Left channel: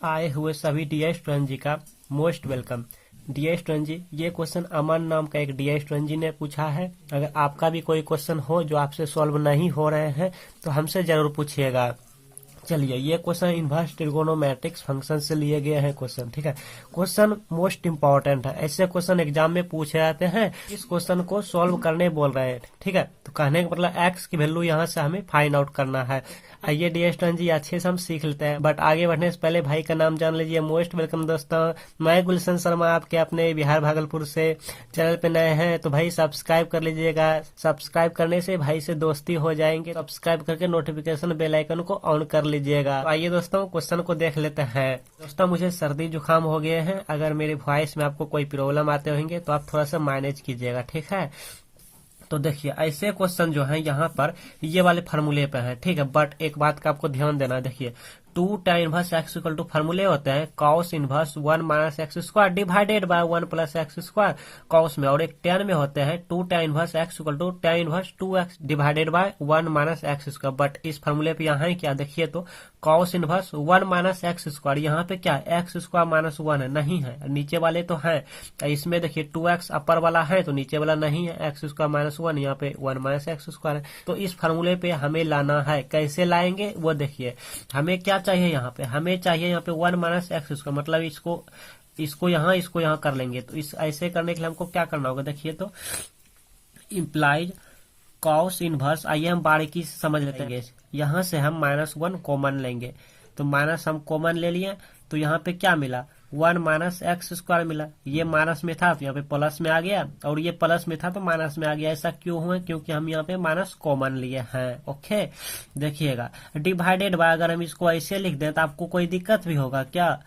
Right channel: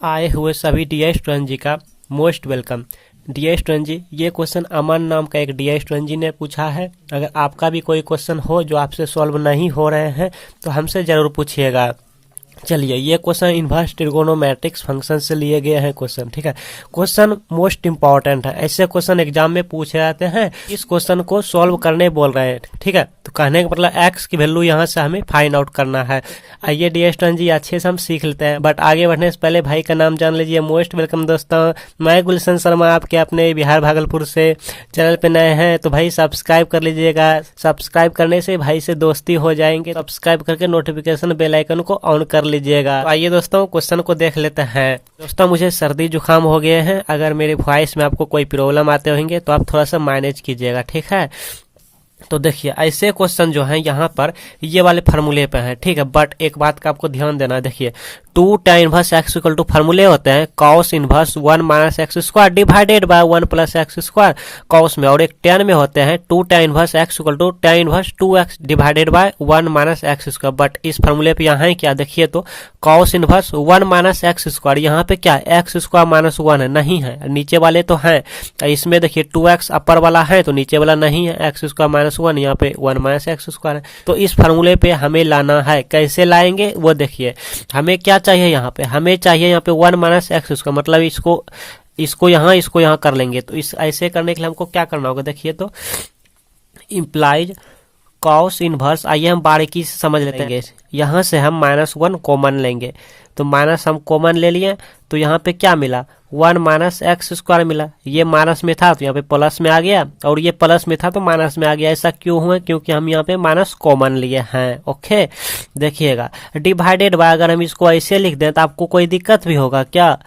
आए हुए सभी डी स्टूडेंट जी का मोस्ट वेलकम। डी स्टूडेंट जी, ये क्वेश्चन अमन नाम का एक डी स्टूडेंट जी ने पूछा है। अगर आपका भी कोई क्वेश्चन हो जो आपसे सॉल्व नहीं हो रहे हैं तो हमसे ज़रूर पूछिएगा। चलिए, ये क्वेश्चन इन्वर्स ट्रिगोनोमेट्रिक्स फंक्शन से लिए गए हैं क्वेश्चन। ठीक है, क्वेश्चन मोस्ट इंपॉर्टेंट है। ऐसे क्वेश्चन एग्जाम में पूछे जाते हैं। इस क्वेश्चन को सॉल्व करने बोल रहे हैं। ठीक है, तो कहने का मतलब एक्स की वैल्यू यहाँ से हमें फाइंड आउट करना है। आइए डी स्टूडेंट जी, अच्छे से हम सीख लेते हैं। बट आगे बढ़ने से पहले भाई का नाम जान लीजिए। मोस्ट वेलकम दोस्तों, मैं गुलशन शर्मा आपके अपने बिहार भागलपुर से। चैनल पे नए हैं तो भाई सब्सक्राइब कर लीजिएगा। सब्सक्राइब करने से भाई से दोस्ती हो जाएंगे। सब्सक्राइब करके नोटिफिकेशन बेल आइकन को ऑन कर लीजिएगा। तो आइए दोस्तों, क्वेश्चन को देख लेते हैं। दोस्तों, मुझे सर्दी जुकाम हो गए हैं। अगर मेरे वॉइस में आपको कोई प्रॉब्लम आते होंगे तो आप थोड़ा सा मैनेज कीजिएगा। ठीक है, तो देखिए ऐसे क्वेश्चन जो हैं यहाँ पर ये वाले फार्मूले पे हैं। ठीक है, बट एक बात का आपको ध्यान देना है। देखिए 2 tan inverse x equal to फार्मूले होते हैं cos inverse 1 minus x square divided by 1 plus x square cos में, और एक tan में होते हैं 2 tan inverse x equal to tan inverse 2x divided by 1 minus x square. But इस फार्मूले पे यहाँ है क्या, देखिए तो cos inverse 1 minus x square, यहाँ पे क्या एक्स स्क्वायर माइनस 1 है, नहीं है। नीचे वाले तो हैं, इसमें देखिए 2x अपर वाला है तो नीचे वाला नहीं है, एक्स स्क्वायर माइनस 1, यहाँ पे 1 माइनस एक्स स्क्वायर है। तो इस फार्मूले पे हमें लाना है। कैसे लाएंगे वो देखिए। हमें क्या चाहिए यहाँ पे, हमें चाहिए यहाँ पे 1 माइनस एक्स स्क्वायर, मतलब इसको यहाँ कर लेंगे। तो इस ऐसे करने के लिए हमको क्या करना होगा, देखिए तो इम्प्लाइज कॉस इनवर्स। आइए हम बारीकी से समझ लेते हैं। यहाँ से हम -1 कॉमन लेंगे, तो माइनस हम कॉमन ले लिए तो यहाँ पे क्या मिला 1 माइनस एक्स स्क्वायर मिला। ये माइनस में था तो यहाँ पे प्लस में आ गया, और ये प्लस में था तो माइनस में आ गया। ऐसा क्यों हुआ, क्योंकि हम यहाँ पे माइनस कॉमन लिए हैं। ओके, देखिएगा डिवाइडेड बाय, अगर हम इसको ऐसे लिख दें तो आपको कोई दिक्कत भी होगा क्या।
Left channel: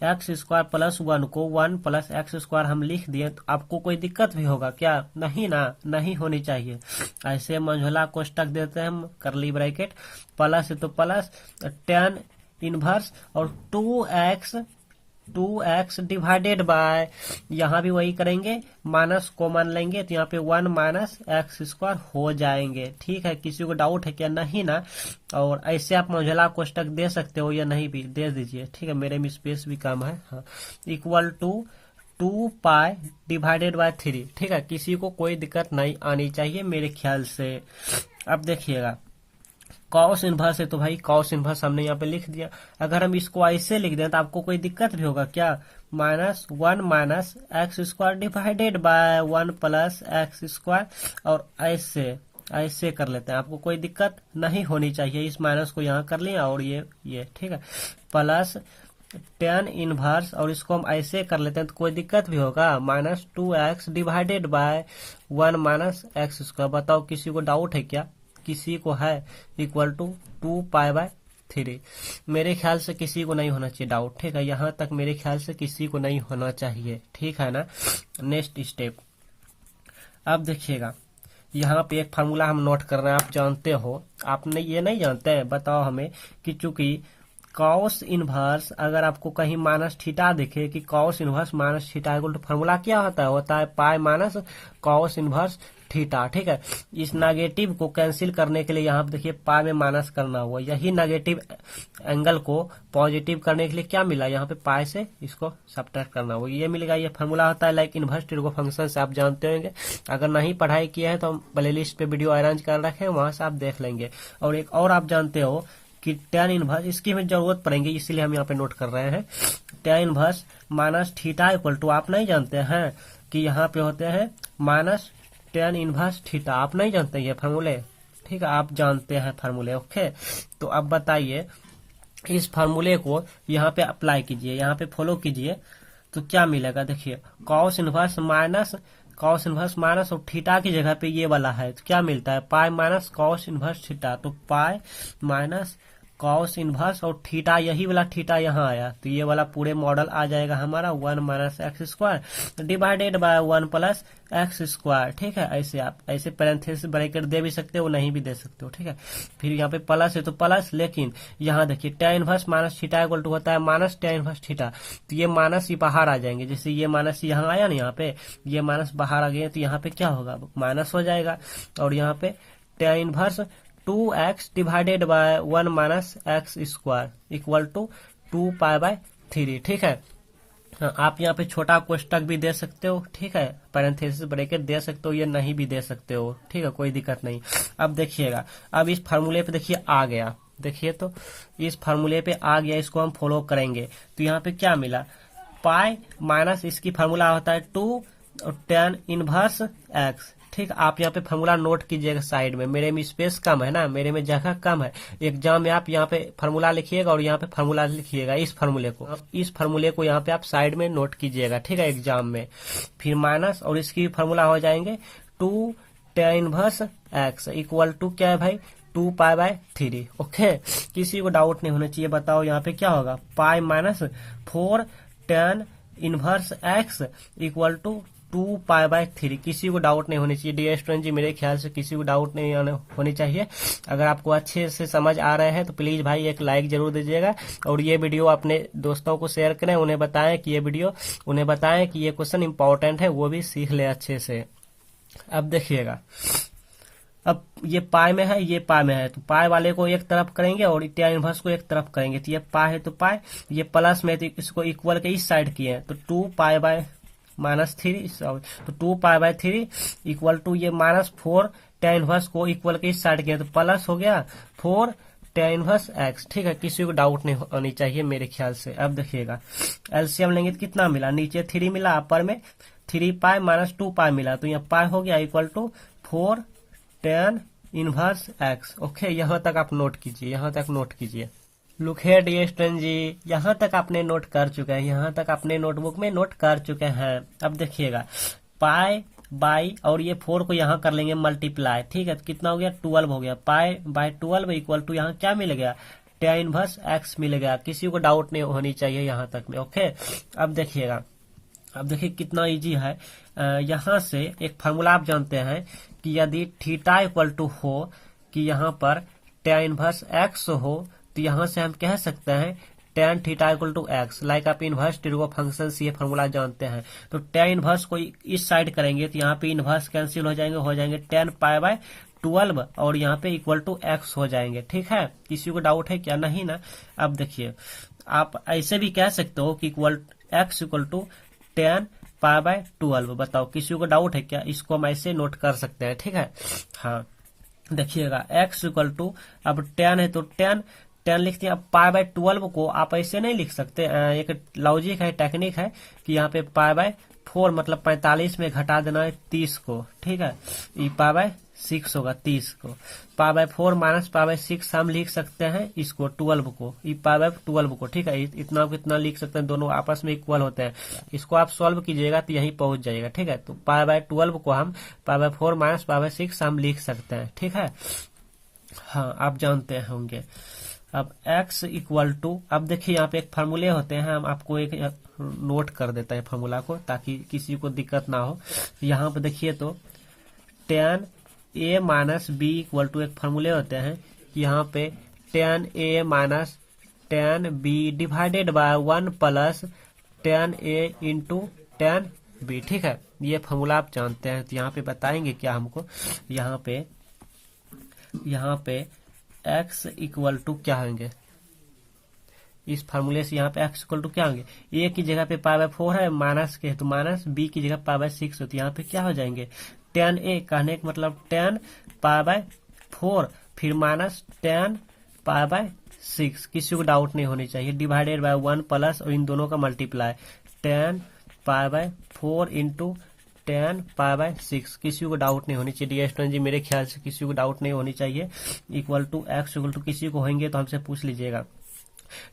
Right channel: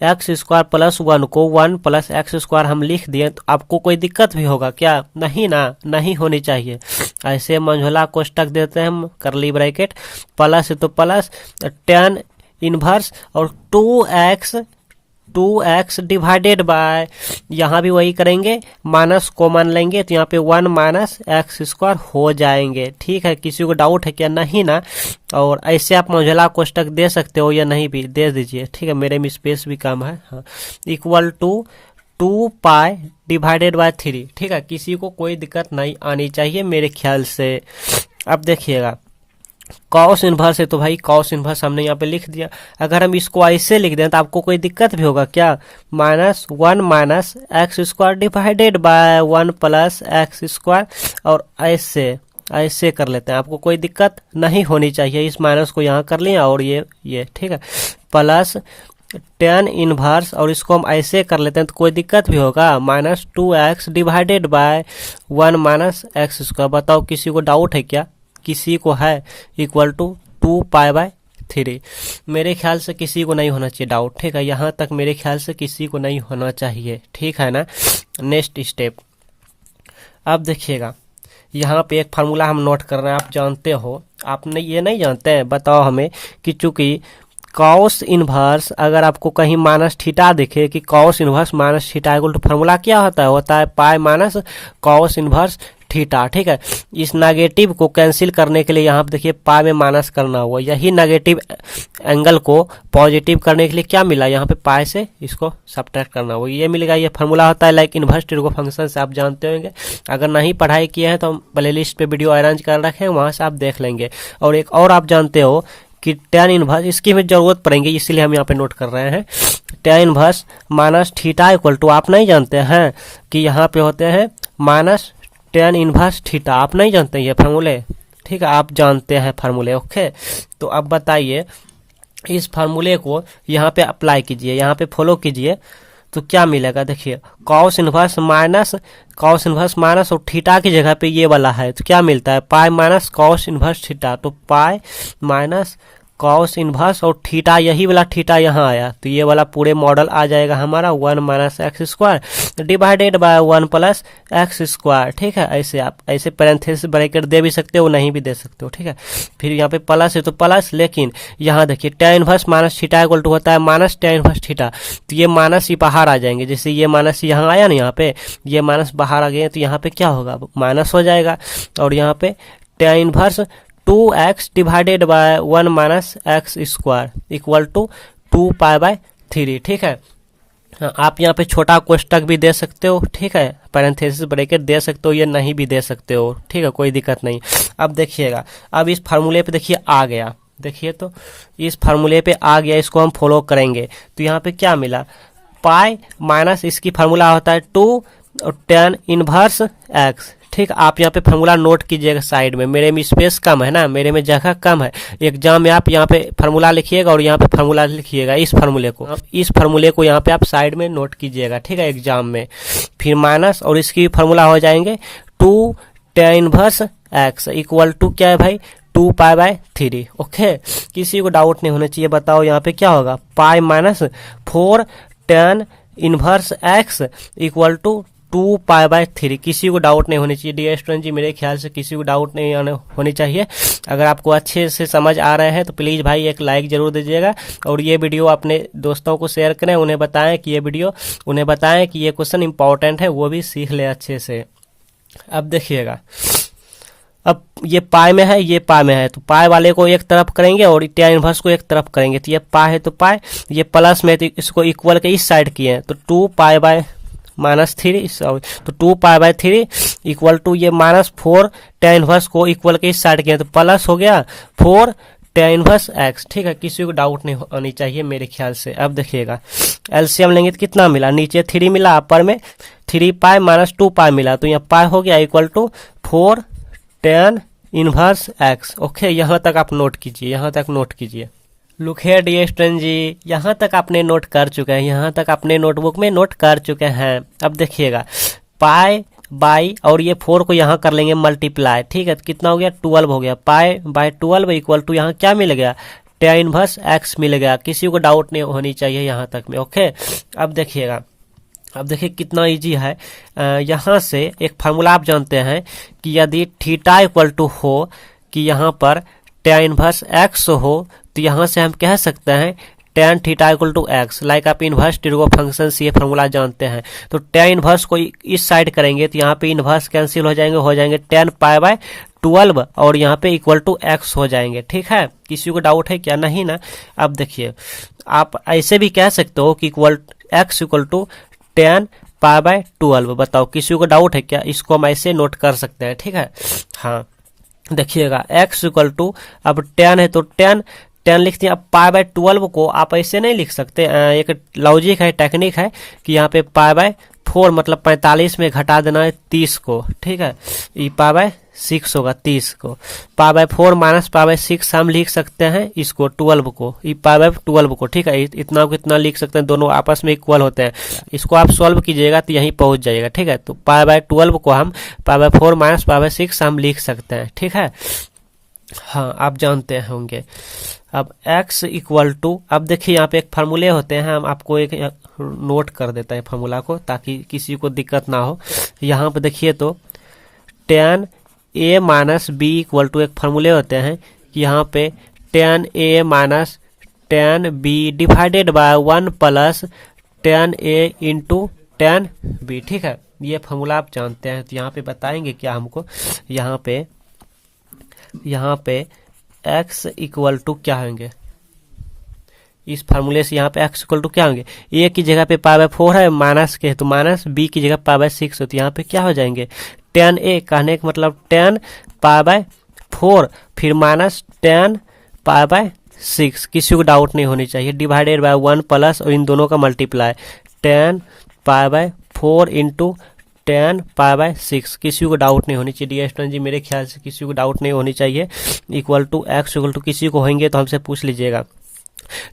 एक्स स्क्वायर प्लस 1 को 1 प्लस एक्स स्क्वायर हम लिख दिए तो आपको कोई दिक्कत भी होगा क्या, नहीं ना, नहीं होनी चाहिए। ऐसे मंझोला कोष्टक देते हैं हम, करली ब्रैकेट, प्लस है तो प्लस tan इनवर्स और 2x डिवाइडेड बाय, यहाँ भी वही करेंगे, माइनस कॉमन लेंगे तो यहाँ पे 1 माइनस एक्स स्क्वायर हो जाएंगे। ठीक है, किसी को डाउट है क्या, नहीं ना। और ऐसे आप मंझला कोष्टक दे सकते हो या नहीं भी दे दीजिए। ठीक है, मेरे में स्पेस भी कम है। हाँ, equal to 2 pi divided by 3। ठीक है, किसी को कोई दिक्कत नहीं आनी चाहिए मेरे ख्याल से। अब देखिएगा कॉस इनवर्स है तो भाई कॉस इनवर्स हमने यहाँ पे लिख दिया। अगर हम इसको ऐसे लिख दें तो आपको कोई दिक्कत भी होगा क्या, -1 minus x square divided by 1 plus x square, और ऐसे कर लेते हैं। आपको कोई दिक्कत नहीं होनी चाहिए। इस माइनस को यहाँ कर लिया और ये ठीक है, प्लस tan इनवर्स, और इसको हम ऐसे कर लेते हैं तो कोई दिक्कत भी होगा, -2x divided by 1 minus x square. बताओ किसी को डाउट है क्या, किसी को है, इक्वल टू 2 पाई बाय 3। मेरे ख्याल से किसी को नहीं होना चाहिए डाउट। ठीक है, यहाँ तक मेरे ख्याल से किसी को नहीं होना चाहिए। ठीक है ना। नेक्स्ट स्टेप, अब देखिएगा यहाँ पे एक फार्मूला हम नोट कर रहे हैं। आप जानते हो, आपने ये नहीं जानते हैं, बताओ हमें कि चूंकि कॉस इनवर्स, अगर आपको कहीं माइनस थीटा दिखे कि cos inverse minus theta equal to formula क्या होता है pi minus cos inverse theta. ठीक है, इस नेगेटिव को कैंसिल करने के लिए यहाँ पे देखिए पाई में माइनस करना हुआ, यही नेगेटिव एंगल को पॉजिटिव करने के लिए क्या मिला, यहाँ पे पाई से इसको सब्ट्रैक्ट करना हुआ, ये मिलेगा। ये फार्मूला होता है लाइक इनवर्स ट्रिगो फंक्शन से, आप जानते होंगे। अगर नहीं पढ़ाई किए हैं तो हम प्ले लिस्ट पे वीडियो अरेंज कर रखे हैं, वहाँ से आप देख लेंगे। और एक और आप जानते हो कि tan इनवर्स, इसकी हमें जरूरत पड़ेगी इसीलिए हम यहाँ पे नोट कर रहे हैं। tan inverse minus theta equal to, आप नहीं जानते हैं कि यहाँ पे होते हैं माइनस tan इनवर्स थीटा, आप नहीं जानते ये फार्मूले। ठीक है, आप जानते हैं फार्मूले। ओके, तो अब बताइए इस फार्मूले को यहाँ पे अप्लाई कीजिए, यहाँ पे फॉलो कीजिए तो क्या मिलेगा। देखिए कॉस इनवर्स माइनस और थीटा की जगह पे ये वाला है तो क्या मिलता है, pi minus cos inverse theta, तो पाई माइनस कॉस इनवर्स और थीटा, यही वाला थीटा यहाँ आया तो ये वाला पूरे मॉडल आ जाएगा हमारा 1 minus x square divided by 1 plus x square. ठीक है, ऐसे आप ऐसे पैरेंथेसिस ब्रैकेट दे भी सकते हो, नहीं भी दे सकते हो। ठीक है, फिर यहाँ पे प्लस है तो प्लस, लेकिन यहाँ देखिए tan inverse minus theta equal to होता है माइनस tan इनवर्स थीटा, तो ये माइनस ही बाहर आ जाएंगे। जैसे ये माइनस यहाँ आया ना, यहाँ पे ये माइनस बाहर आ गए तो यहाँ पे क्या होगा, माइनस हो जाएगा। और यहाँ पे tan inverse 2x divided by 1 minus x square equal to 2π/3। ठीक है, हाँ, आप यहाँ पे छोटा कोष्टक भी दे सकते हो, ठीक है, पैरेंथेसिस ब्रैकेट दे सकते हो, ये नहीं भी दे सकते हो, ठीक है, कोई दिक्कत नहीं। अब देखिएगा, अब इस फार्मूले पे देखिए आ गया, देखिए तो इस फार्मूले पे आ गया, इसको हम फॉलो करेंगे तो यहाँ पे क्या मिला, पाई माइनस इसकी फार्मूला होता है 2 और tan इनवर्स x। ठीक, आप यहाँ पे फार्मूला नोट कीजिएगा साइड में, मेरे में स्पेस कम है ना, मेरे में जगह कम है, एग्जाम में आप यहाँ पे फार्मूला लिखिएगा और यहाँ पे फार्मूला लिखिएगा, इस फार्मूले को यहाँ पे आप साइड में नोट कीजिएगा, ठीक है, एग्जाम में। फिर माइनस और इसकी फार्मूला हो जाएंगे 2 tan inverse x equal to क्या है भाई, 2π/3। ओके, किसी को डाउट नहीं होना चाहिए। बताओ यहाँ पे क्या होगा, pi minus 4 tan inverse x equal to 2π/3। किसी को डाउट नहीं होनी चाहिए डियर स्टूडेंट जी, मेरे ख्याल से किसी को डाउट नहीं होनी चाहिए। अगर आपको अच्छे से समझ आ रहे हैं तो प्लीज़ भाई एक लाइक जरूर दीजिएगा और ये वीडियो अपने दोस्तों को शेयर करें, उन्हें बताएं कि ये क्वेश्चन इंपॉर्टेंट है, वो भी सीख ले अच्छे से। अब देखिएगा, अब ये पाई में है, ये पाई में है, तो पाई वाले को एक तरफ करेंगे और tan इनवर्स को एक तरफ करेंगे, तो ये पाई है तो पाई, ये प्लस में तो इसको इक्वल के इस साइड किए हैं तो 2π/-3, तो 2π/3 इक्वल टू ये -4 tan इनवर्स को इक्वल के इस साइड किए तो प्लस हो गया 4 tan इनवर्स x। ठीक है, किसी को डाउट नहीं होनी चाहिए मेरे ख्याल से। अब देखिएगा, एलसीएम लेंगे तो कितना मिला, नीचे 3 मिला, अपर में 3π - 2π मिला, तो यहाँ पाई हो गया equal to 4 tan inverse x। Okay, यहाँ तक आप नोट कीजिए, यहाँ तक नोट कीजिए। Look here dear student ji, यहाँ तक आपने नोट कर चुके हैं, यहाँ तक अपने नोटबुक में नोट कर चुके हैं। अब देखिएगा, पाई बाई और ये 4 को यहाँ कर लेंगे मल्टीप्लाई, ठीक है, तो कितना हो गया, 12 हो गया, पाई/12 इक्वल टू यहाँ क्या मिल गया, tan इनवर्स x मिल गया। किसी को डाउट नहीं होनी चाहिए यहाँ तक में। ओके, अब देखिएगा, अब देखिए कितना इजी है। यहाँ से एक फार्मूला आप जानते हैं कि यदि थीटा इक्वल टू हो कि यहाँ पर tan इनवर्स x हो, तो यहाँ से हम कह सकते हैं tan theta equal to x। Like आप इनवर्स टिर्गो फंक्शन से ये फार्मूला जानते हैं, तो tan इनवर्स को इस साइड करेंगे तो यहाँ पे इनवर्स कैंसिल हो जाएंगे tan π/12 और यहाँ पे इक्वल टू x हो जाएंगे। ठीक है, किसी को डाउट है क्या, नहीं ना। अब देखिए, आप ऐसे भी कह सकते हो कि x इक्वल टू tan π/12। बताओ किसी को डाउट है क्या, इसको हम ऐसे नोट कर सकते हैं। ठीक है, हाँ, देखिएगा x इक्वल टू, अब tan है तो tan लिखते हैं। अब π/12 को आप ऐसे नहीं लिख सकते, एक लॉजिक है, टेक्निक है कि यहाँ पे π/4 मतलब 45 में घटा देना है 30 को। ठीक है, ये π/6 होगा 30 को, π/4 माइनस π/6 हम लिख सकते हैं इसको 12 को, ये π/12 को। ठीक है, इतना को इतना लिख सकते हैं, दोनों आपस में इक्वल होते हैं। इसको आप सॉल्व कीजिएगा तो यहीं पहुंच जाएगा। ठीक है, तो π/12 को हम π/4 माइनस π/6 हम लिख सकते हैं। ठीक है, हाँ, आप जानते होंगे। अब x इक्वल टू, अब देखिए यहाँ पे एक फार्मूले होते हैं, हम आपको एक नोट कर देता है फार्मूला को ताकि किसी को दिक्कत ना हो। यहाँ पे देखिए तो tan a minus b equal to, एक फार्मूले होते हैं कि यहाँ पे tan a minus tan b divided by 1 plus tan a into tan b। ठीक है, ये फार्मूला आप जानते हैं, तो यहाँ पे बताएंगे क्या हमको, यहाँ पे x इक्वल टू क्या होंगे, इस फार्मूले से यहाँ पे x इक्वल टू क्या होंगे, a की जगह पे π/4 है, माइनस के तो माइनस, b की जगह π/6 है, तो यहाँ पे क्या हो जाएंगे tan a, कहने का मतलब tan π/4 फिर माइनस tan π/6। किसी को डाउट नहीं होनी चाहिए, डिवाइडेड बाय 1 प्लस और इन दोनों का मल्टीप्लाई tan π/4 इंटू tan π/6। किसी को डाउट नहीं होनी चाहिए डियर स्टूडेंट जी, मेरे ख्याल से किसी को डाउट नहीं होनी चाहिए। Equal to x equal to, किसी को होंगे तो हमसे पूछ लीजिएगा।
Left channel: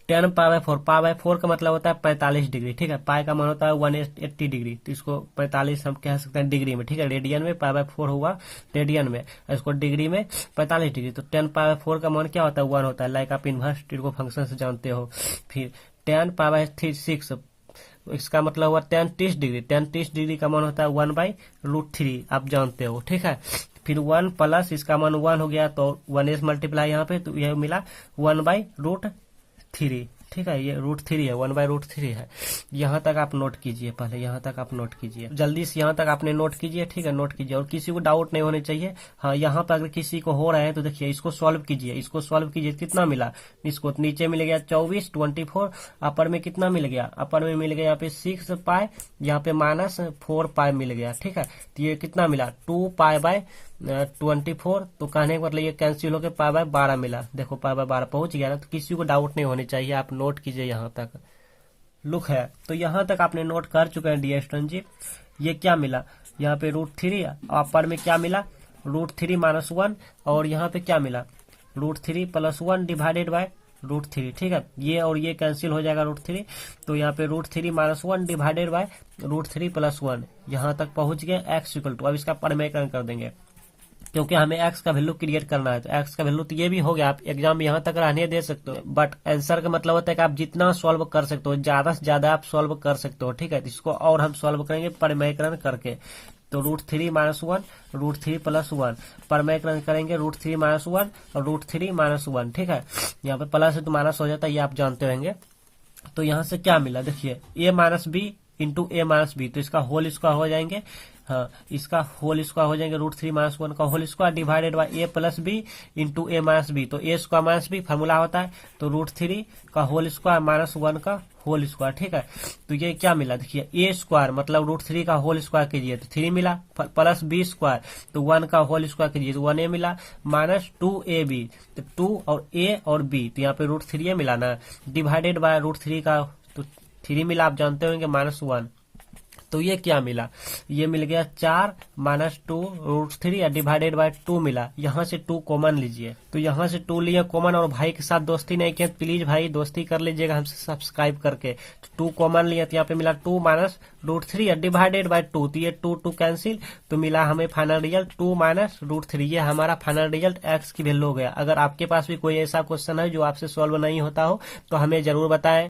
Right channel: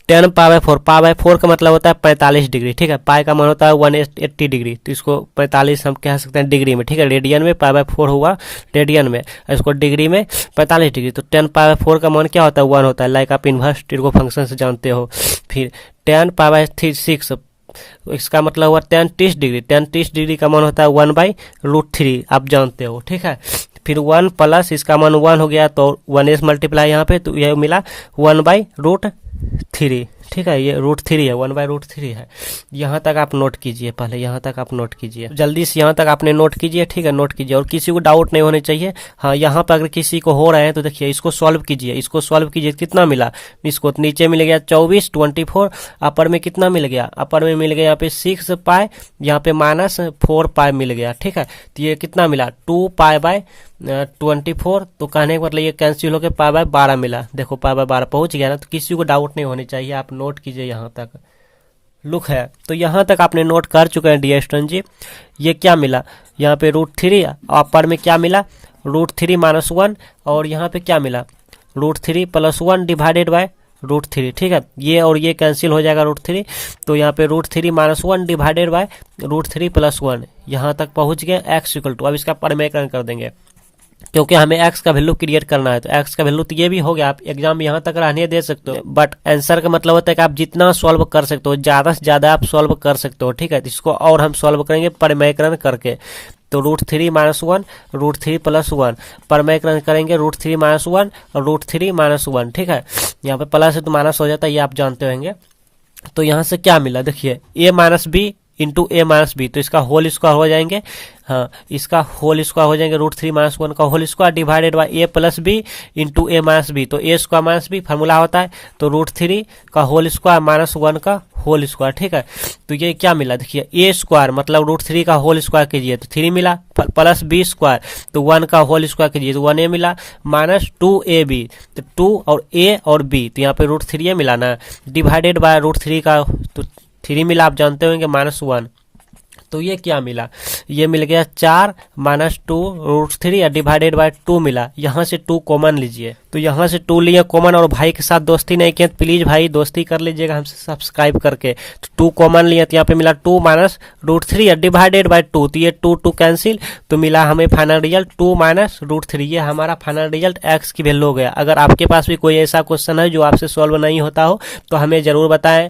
tan π/4 का मतलब होता है 45 डिग्री। ठीक है, पाई का मान होता है 180 डिग्री, तो इसको 45 हम कह सकते हैं डिग्री में। ठीक है, रेडियन में π/4 हुआ रेडियन में, इसको डिग्री में 45 डिग्री, तो tan π/4 का मान क्या होता है, 1 होता है। लाइक आप इनवर्स टिर्गो फंक्शन से जानते हो। फिर tan π/6, इसका मतलब हुआ tan 30 डिग्री, tan 30 डिग्री का मान होता है 1/√3, आप जानते हो। ठीक है, फिर 1 प्लस इसका मान 1 हो गया तो 1 से मल्टीप्लाई यहाँ पे, तो यह मिला 1/√3। ठीक है, ये √3 है, 1/√3 है। यहाँ तक आप नोट कीजिए, पहले यहाँ तक आप नोट कीजिए, जल्दी से यहाँ तक आपने नोट कीजिए, ठीक है, नोट कीजिए और किसी को डाउट नहीं होने चाहिए। हाँ, यहाँ पर अगर किसी को हो रहे हैं तो देखिए इसको सॉल्व कीजिए, इसको सॉल्व कीजिए, कितना मिला इसको, नीचे मिल गया 24, 24, अपर में कितना मिल गया, अपर में मिल गया यहाँ पे 6 पाई, यहाँ पे -4 पाई मिल गया, ठीक है। तो ये कितना मिला 2 पाई/24, तो कहने का मतलब ये कैंसिल होकर पाई/12 मिला, देखो पाई/12 पहुंच गया ना। तो किसी को डाउट नहीं होनी चाहिए, आप नोट कीजिए यहाँ तक। लुक है, तो यहाँ तक आपने नोट कर चुके हैं डियर स्टूडेंट जी। ये क्या मिला यहाँ पे √3, अपर में क्या मिला √3 - 1, और यहाँ पे क्या मिला √3 + 1 डिवाइडेड बाय √3, ठीक है। ये और ये कैंसिल हो जाएगा √3, तो यहाँ पे √3 - 1 डिवाइडेड बाय √3 + 1, यहाँ तक पहुँच गए x = अब इसका परिमेयकरण कर देंगे, क्योंकि हमें x का वैल्यू क्रिएट करना है। तो x का वैल्यू तो ये भी हो गया, आप एग्जाम यहाँ तक रहने दे सकते हो, बट आंसर का मतलब होता है कि आप जितना सॉल्व कर सकते हो, ज़्यादा से ज़्यादा आप सॉल्व कर सकते हो, ठीक है। तो इसको और हम सॉल्व करेंगे परिमेयकरण करके। तो √3 - 1, √3 + 1, परिमेयकरण करेंगे √3 - 1 और √3 - 1, ठीक है। यहाँ पे प्लस है तो माइनस हो जाता है, ये आप जानते होंगे। तो यहाँ से क्या मिला देखिए, a - b into a - b, तो इसका होल स्क्वायर हो जाएंगे, हाँ इसका होल स्क्वायर हो जाएंगे √3 - 1 का whole square divided by a + b into a - b, तो a² - b फार्मूला होता है, तो √3 का होल स्क्वायर -1 का होल स्क्वायर, ठीक है। तो ये क्या मिला देखिए, a² मतलब √3 का होल स्क्वायर कीजिए तो 3 मिला, प्लस b², तो 1 का होल स्क्वायर कीजिए तो 1a मिला, -2ab, तो 2 और a और b, तो यहाँ पे √3 मिला ना, डिवाइडेड बाय √3 का, तो 3 मिला, आप जानते होंगे -1, तो ये क्या मिला, ये मिल गया 4 - 2 √3 डिवाइडेड बाय 2 मिला। यहाँ से 2 कॉमन लीजिए, तो यहाँ से 2 लिए कॉमन, और भाई के साथ दोस्ती नहीं किया तो प्लीज भाई दोस्ती कर लीजिएगा हमसे सब्सक्राइब करके। तो 2 कॉमन लिया तो यहाँ पे मिला 2 - √3 डिवाइडेड बाय 2, तो ये 2 कैंसिल, तो मिला हमें फाइनल रिजल्ट 2 - √3, ये हमारा फाइनल रिजल्ट x की वैल्यू हो गया। अगर आपके पास भी कोई ऐसा क्वेश्चन है जो आपसे सॉल्व नहीं होता हो तो हमें जरूर बताएं।